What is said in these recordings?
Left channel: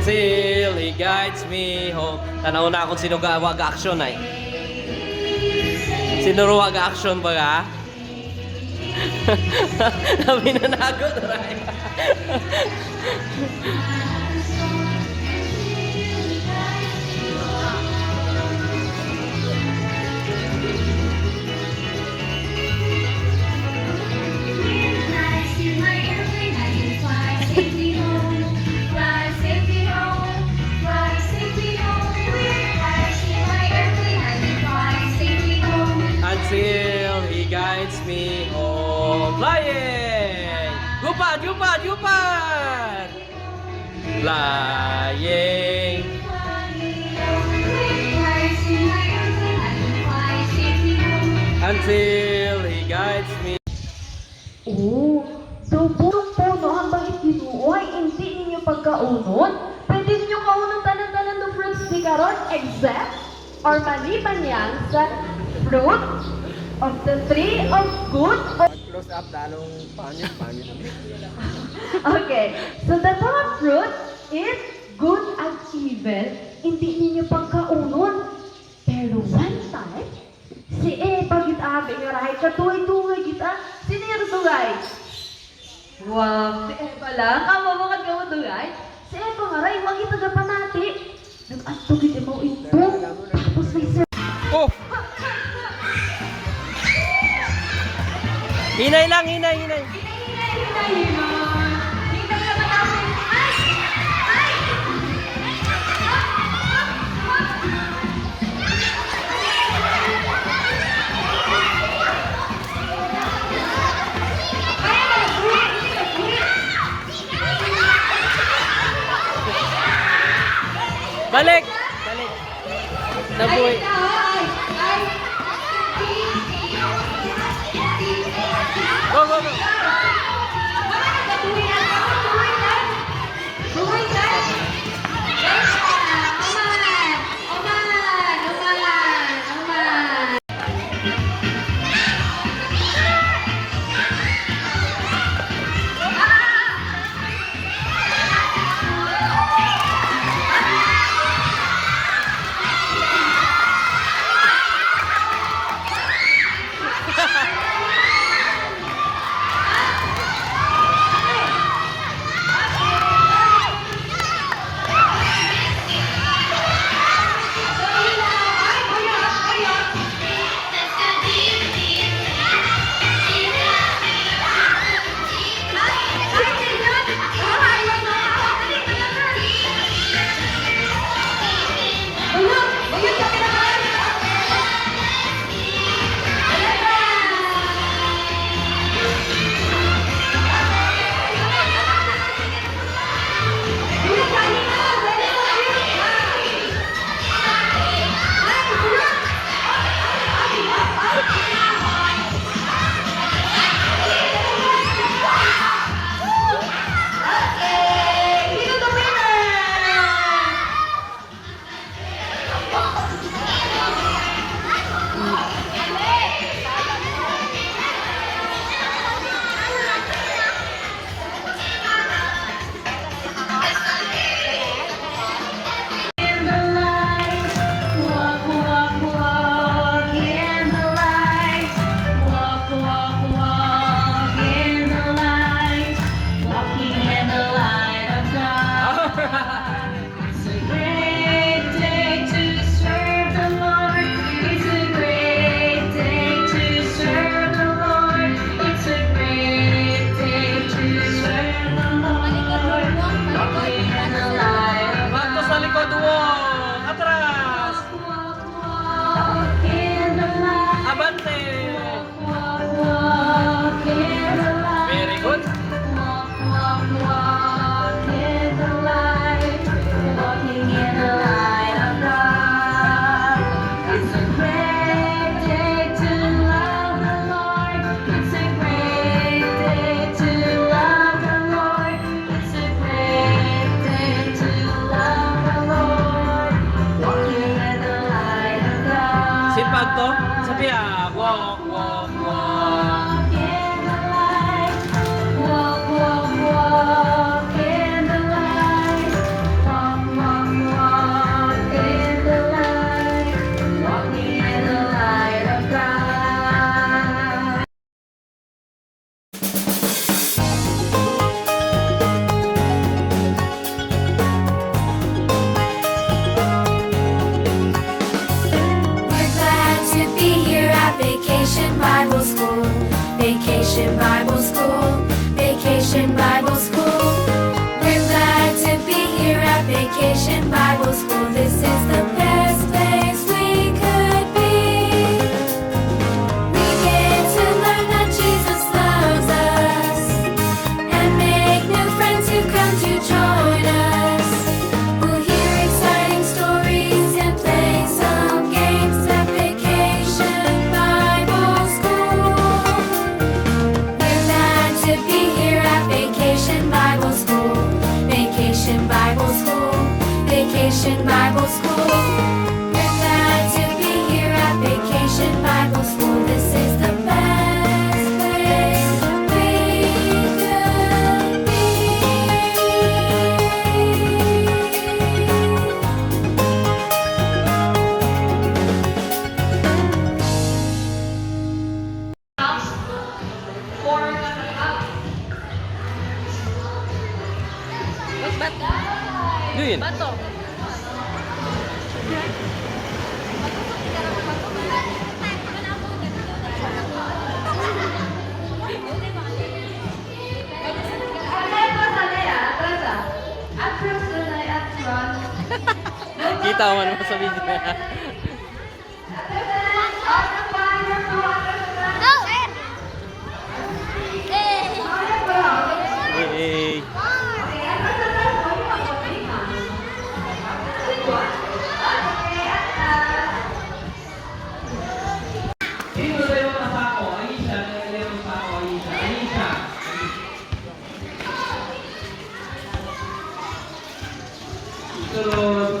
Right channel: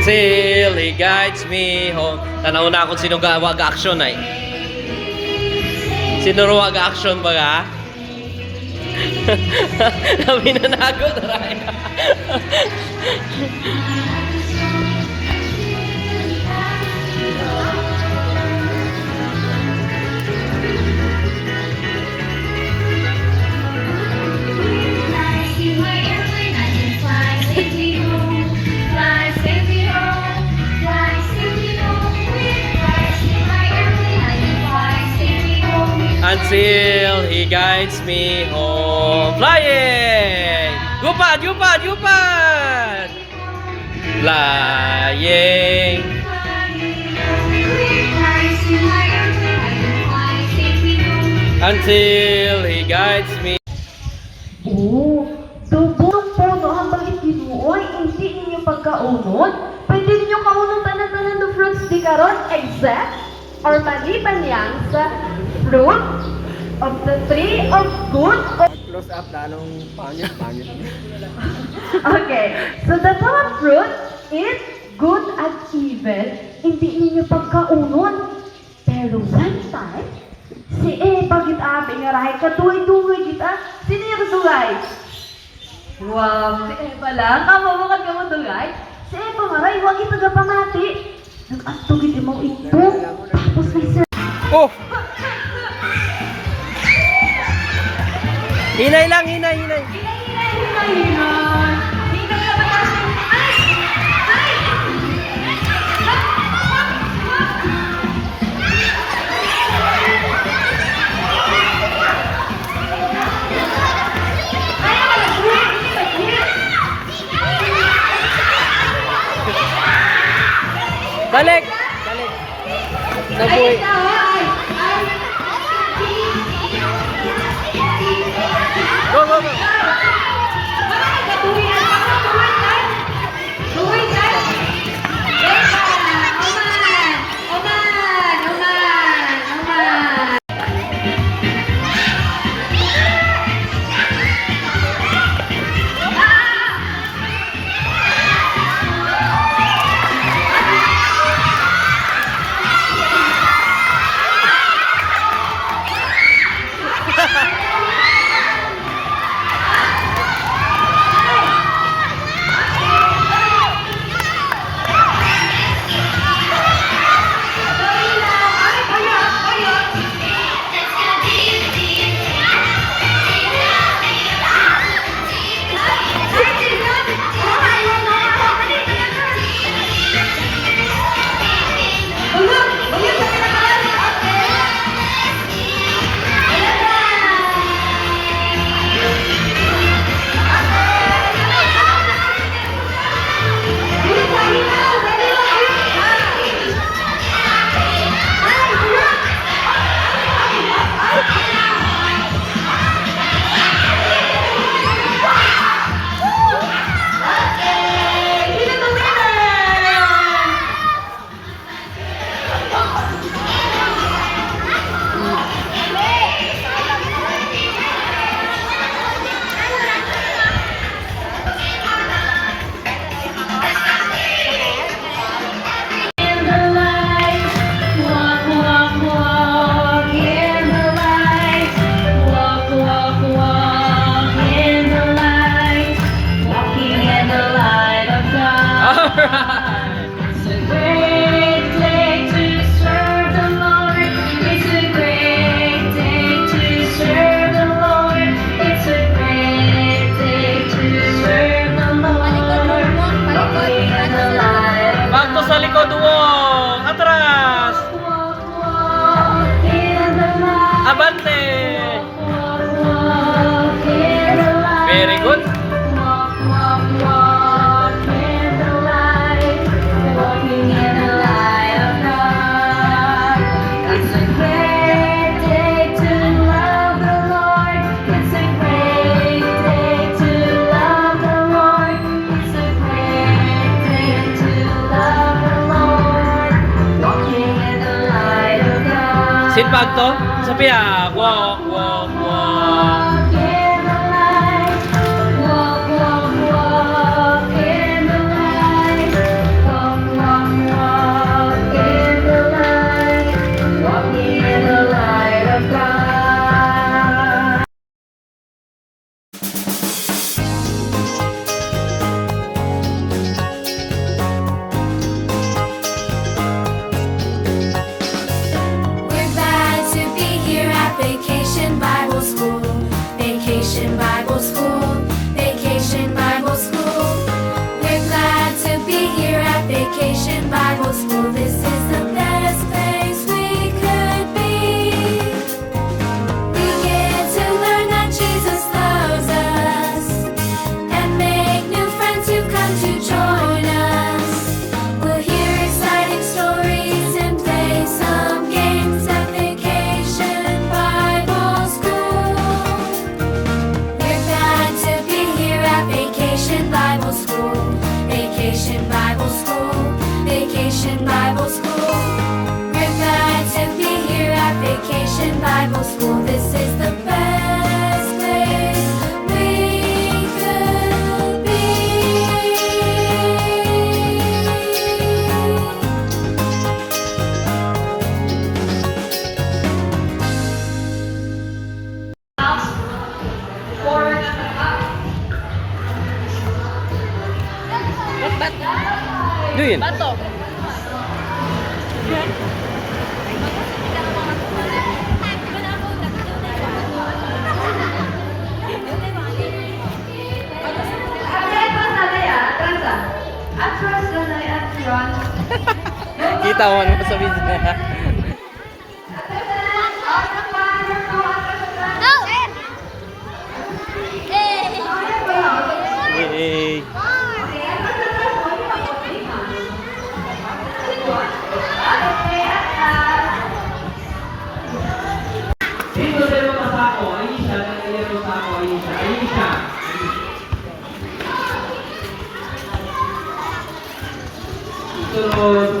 Until He guides me home. Tanaw na kung sino wag-action ay. Sino wag-action ba ka? Nabi na nagod, Ray. Until He guides me home. Flying! Gupad! Gupad! Gupad! Flying! Until He guides me. Oh, dubong puno hambang ikinuoy, hindi ninyo pagkaunod. Pwede ninyo kaunod tanan-tanan ng fruits di karon except or maliban yan sa fruit of the tree of good. Close up, dalong pangit. Okay, so the tamang fruit is good at evil, hindi ninyo pagkaunod. Pero one time, si Eva gitabi nga rahay katuloy-tuloy kita. Sino yung dugay? Wow, si Eva lang. Kamamukan ka mo dugay. Si Eva maray, huwag kita gapamati. Nag-asto kita mo ito. Tapos may sir. Oh! Hinay lang, hinay. Balik! Nabuhay. Go! Abante! Very good. Sipag to? Sabi walk, walk, walk. Vacation Bible School. We're glad to be here at Vacation Bible School. This is the best place we could be. Ano yun? Kita mo ano sa video na. Yay! Sino tayo masako? Aisha, tayo masako. Aisha, Aisha. Sunod.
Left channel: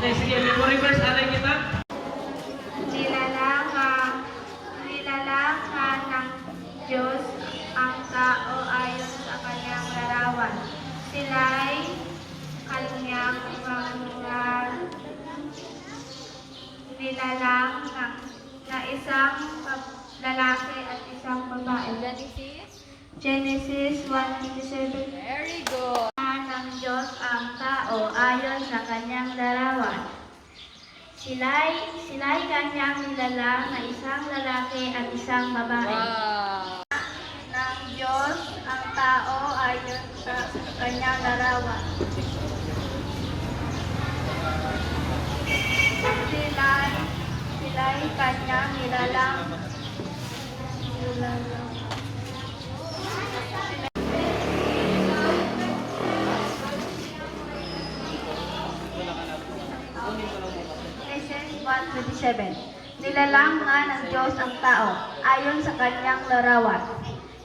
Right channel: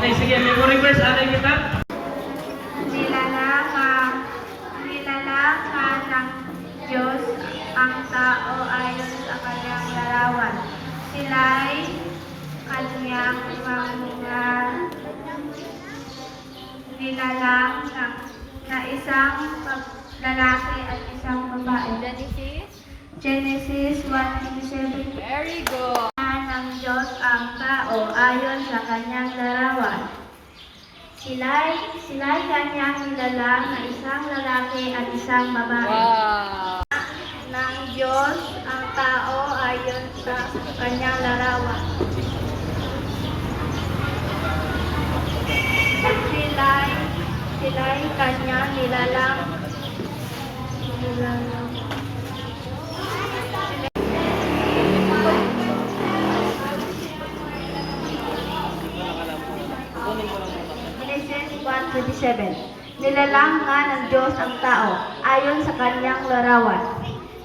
Okay, sige, memory verse, alay kita. Nilalangan ng Diyos ang tao ayon sa kanyang larawan. Sila'y kanyang mga nilalang na isang lalaki at isang babae. Genesis 1:27. Very good. Ng Diyos ang tao ayon sa kanyang larawan. Sila'y kanyang nilalang na isang lalaki at isang babae. Wow. Ng Diyos ang tao ayon sa kanyang larawan. Sila'y kanyang nilalang. 1:27. Nilalang nga ng Diyos ang tao ayon sa kanyang larawan.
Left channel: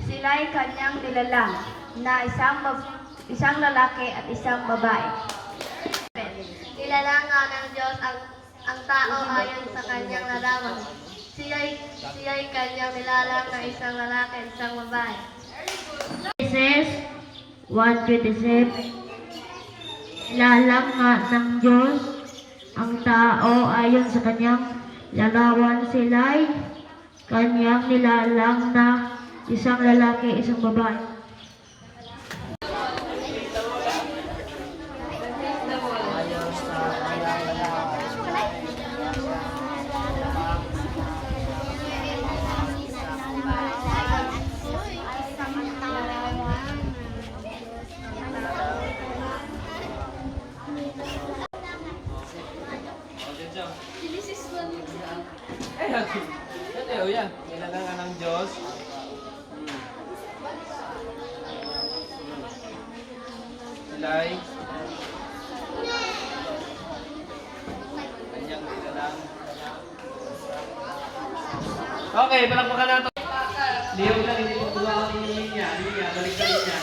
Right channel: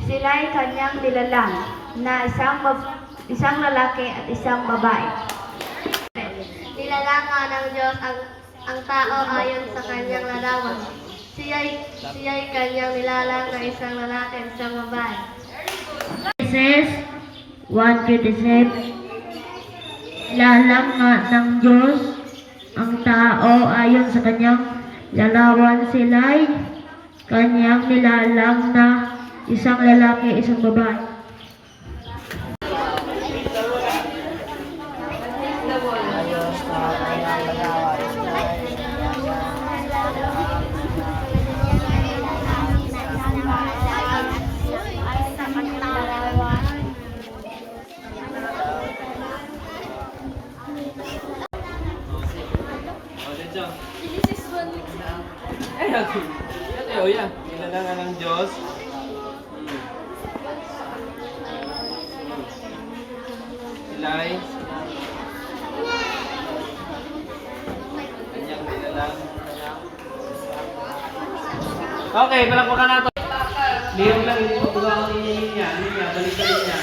Sila'y kanyang nilalang na isang lalaki at isang babae. Nilalang nga ng Diyos ang tao ayon sa kanyang larawan. Siya'y kanyang nilalang na isang lalaki at isang babae. Genesis 1:27. Nilalang nga ng Diyos ang tao ayon sa kanyang larawan. Sila'y kanyang nilalang na isang lalaki, isang babae. Yan. Nilalangan ng Diyos. Sila'y kanyang nilalang. Okay, palakpakan natin. Liyong lang, hindi mo tuwa ang niya. Balik niya.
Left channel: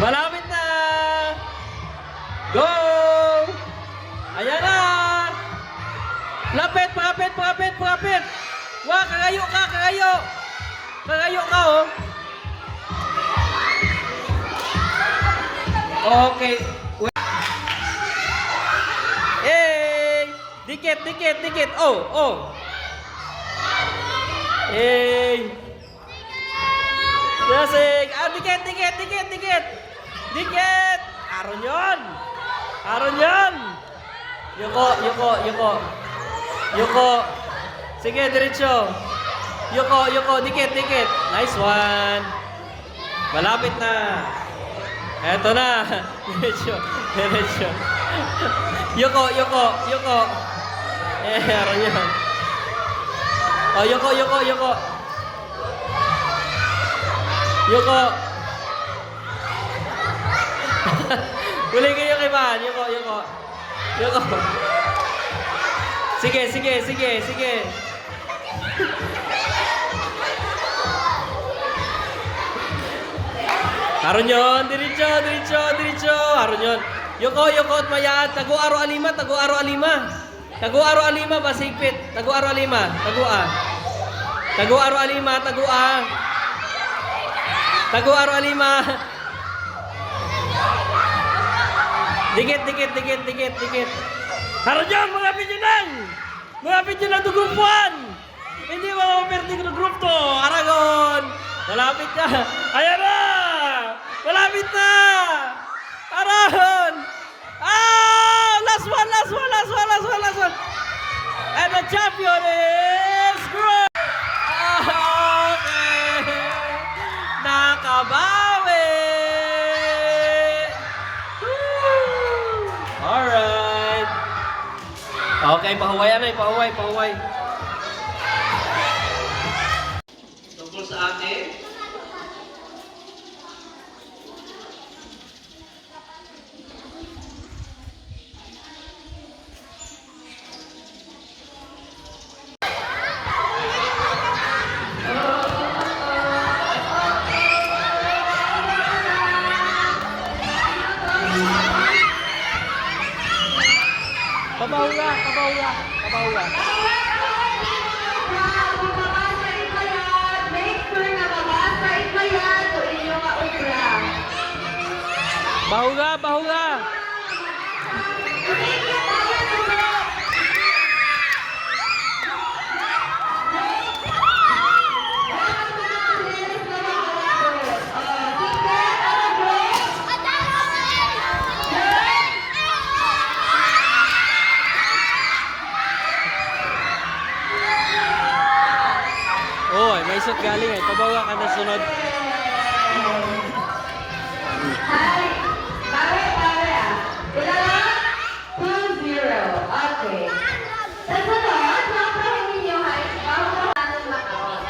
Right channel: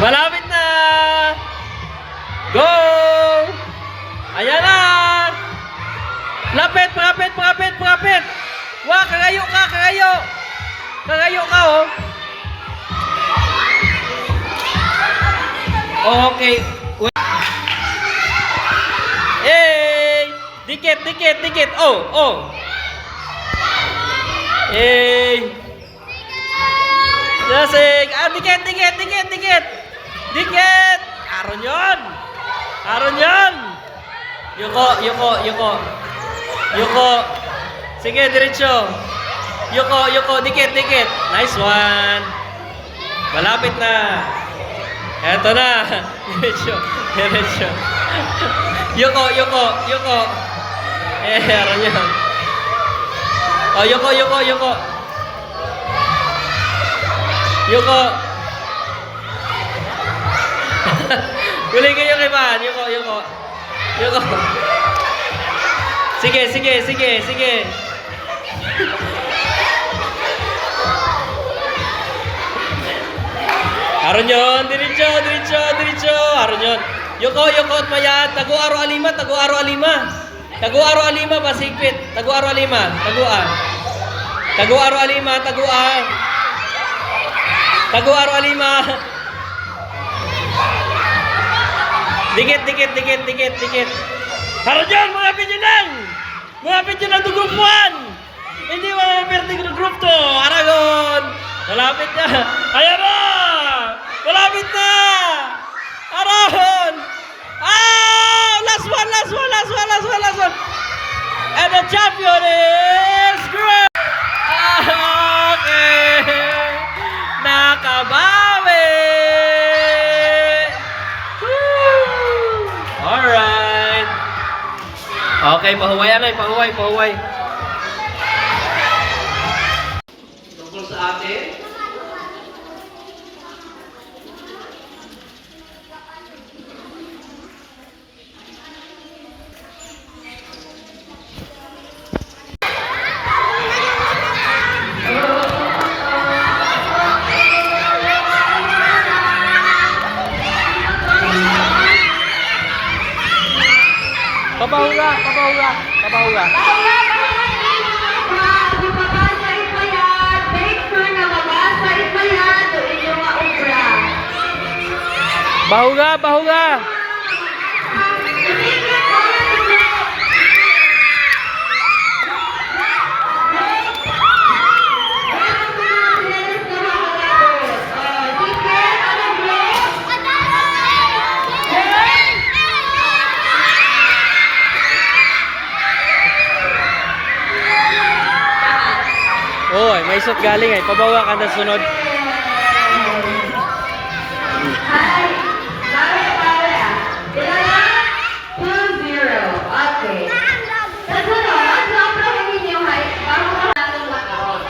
Malapit na! Go! Ayan na! Lapit! Wah, kagayo ka! Kagayo ka, oh! Okay. Hey! Dikit! Oh! Hey! Yasik! Dikit! Aron yon! Yuko! Sige, diretso! Yuko! Dikit! Nice one! Malapit na! Eto na! Diretso! Yuko! Aron yan! Oh, Yuko! Huli kayo kay Man. Yuko. Sige. Aron yun. Diretso. Aron yun. Yuko at Mayan. Tago-aro alima. Tago-aro alima. Pasipit. Tago-aro alima. Tago-aro alima. Dikit. Harap dyan, mga pigeon to group 1. Hindi mapaperte ng group 2. Aragon. Malapit na. Ayan na. Malapit na. Aragon. Last one. And the champion is Greg. Okay. Nakabawi. Alright. Okay, pahuway. Tungkol sa atin. Pabahuga. Bahuga. Oh, may isot galing ay. Pabawa ka na sunod. Hi! Dapat pare ah. Ilan na? 2-0. Okay. Sa sunod, sobrang ninyo hay. Bago na natin makaroon.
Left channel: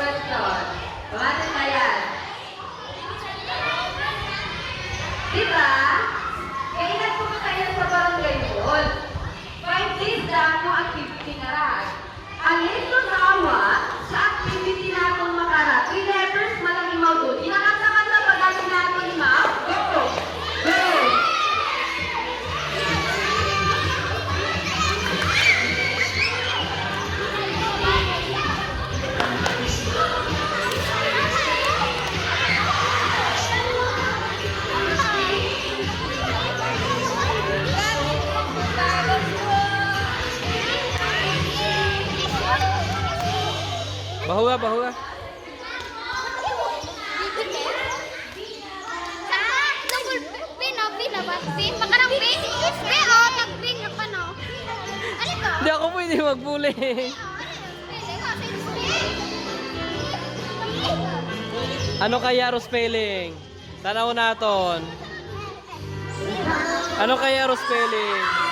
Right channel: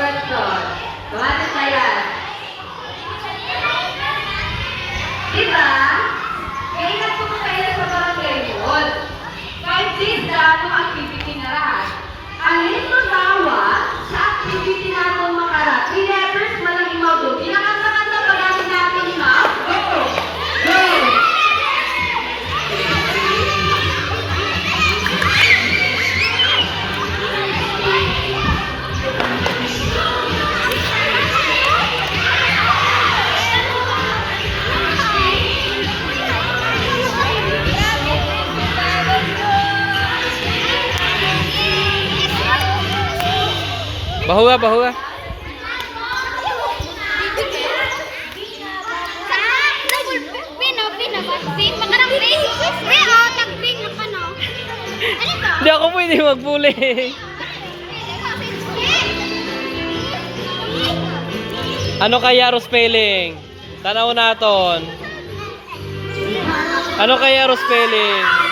Question. Tumatin na yan. Diba? Kaya nagpunta kayo sa barangay yun. 5 days daw ang activity na lahat. Alin to dawa sa activity natin makarat? 3 letters malang imawag. Pinakasakanta pa natin natin ha? Go! Go! Bahuwa, bahuwa. Hindi ako pwede magbuli. Ano kaya ro spelling? Tanaw naton. Ano kaya ro spelling?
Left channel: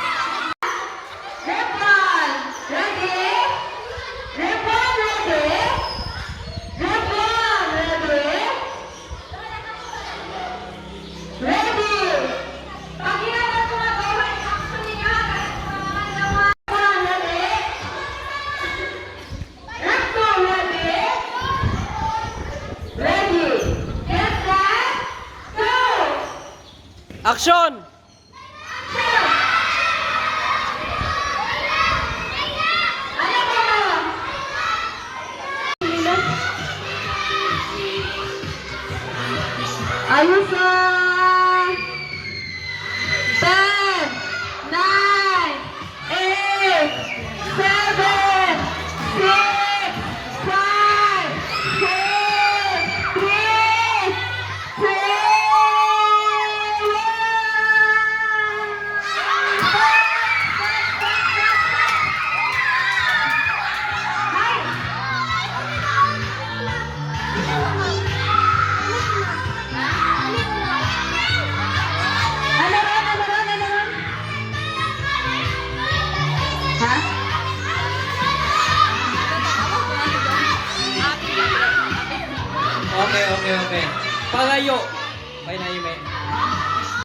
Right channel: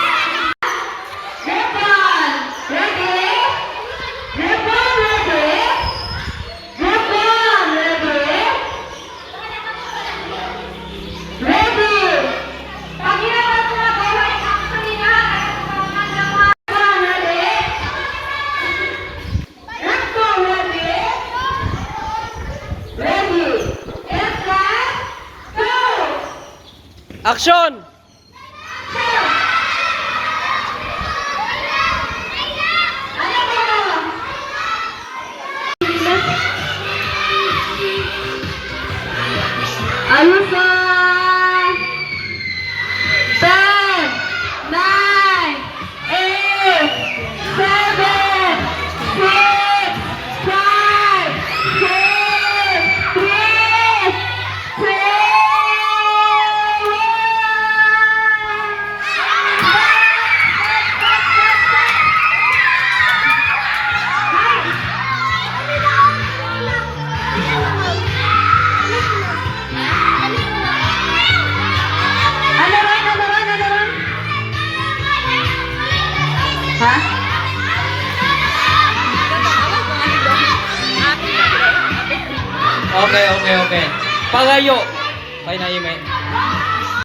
Action! Ayos na! 10, 9, 8, 7, 6, 5, 4, 3, 2, 1. Ano ron? Ha? Okay. Pagayo. Pay na yung may.